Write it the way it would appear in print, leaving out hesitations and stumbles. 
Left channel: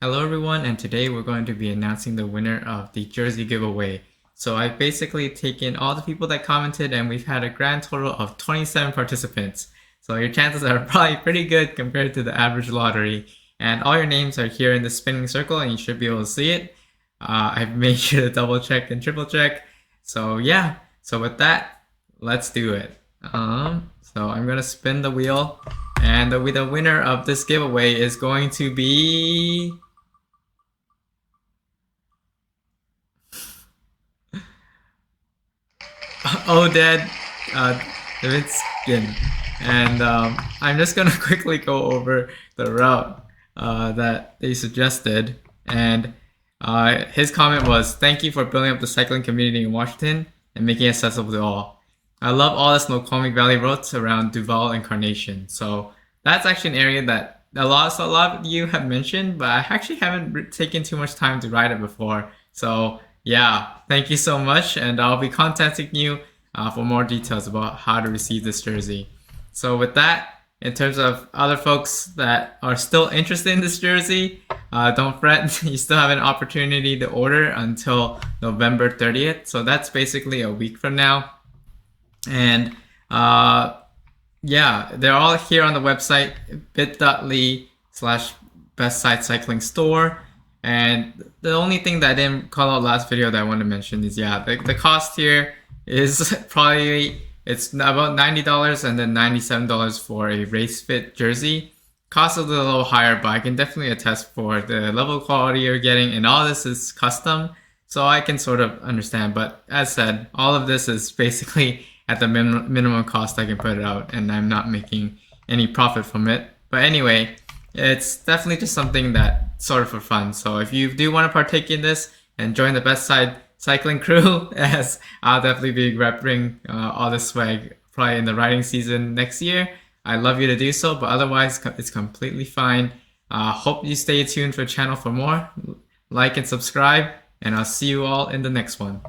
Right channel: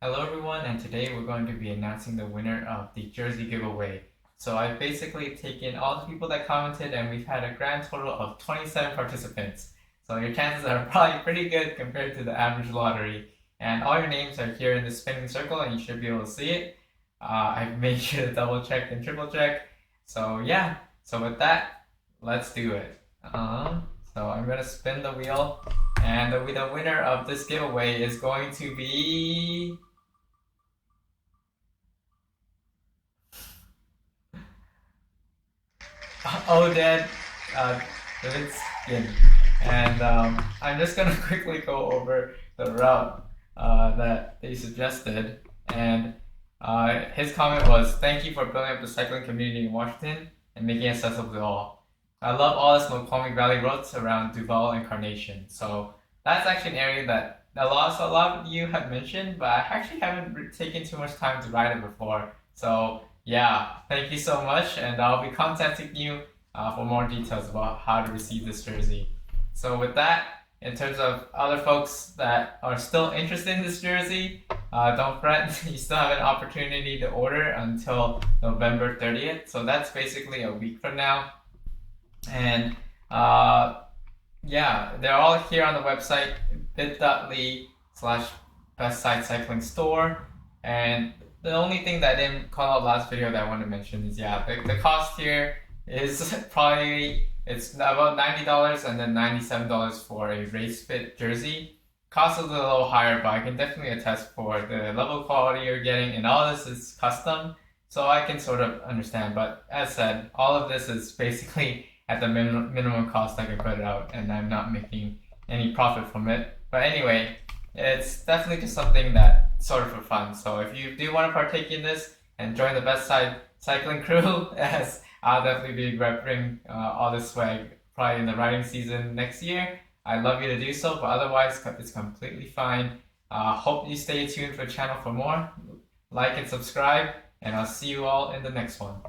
Hello everyone, and today we're going to be announcing the winner of the jersey giveaway. So I've basically taken all the people that commented and we've had a grand total of 27 participants. So your chances are probably pretty good compared to the average lottery. And all your names are here in the spinning circle and you should be able to see it. I've made sure to double check and triple check. So yeah, so with that, let's do it. So I'm gonna spin the wheel and the winner of this giveaway is going to be Oded Davidskin. And I'm just gonna quickly go over the route that they suggested. And his comment was, "Thank you for building up the cycling community in Washington and making it accessible to all. I love all the Snoqualmie Valley roads around Duval and Carnation." So that's actually an area that a lot of you have mentioned, but I actually haven't taken too much time to ride it before. So yeah, thank you so much, and I'll be contacting you for more details about how to receive this jersey. So with that, in terms of other folks that are still interested in this jersey, don't fret. You still have an opportunity to order until November 30th. So that's basically a week from now. And yeah, they're all here on the website, bit.ly/bestsidecyclingstore. And the only thing that I didn't call out last video that I want to mention is, yeah, the cost here is probably, it's about $90 and then $97 for a race fit jersey. Cost is a little higher, but I can definitely attest for the level of quality you're getting, and all this is custom, so I can sort of understand. But as said, all of this is basically at the minimum cost I can put it out, and I'm not making any profit from it. But anyway, it's definitely just something that sort of for fun. So if you do want to partake in this and join the Best Side Cycling crew, as I'll definitely be repping all this swag probably in the riding season next year, I'd love you to do so, but otherwise it's completely fine. Hope you stay tuned for the channel for more. Like and subscribe, and I'll see you all in the next one.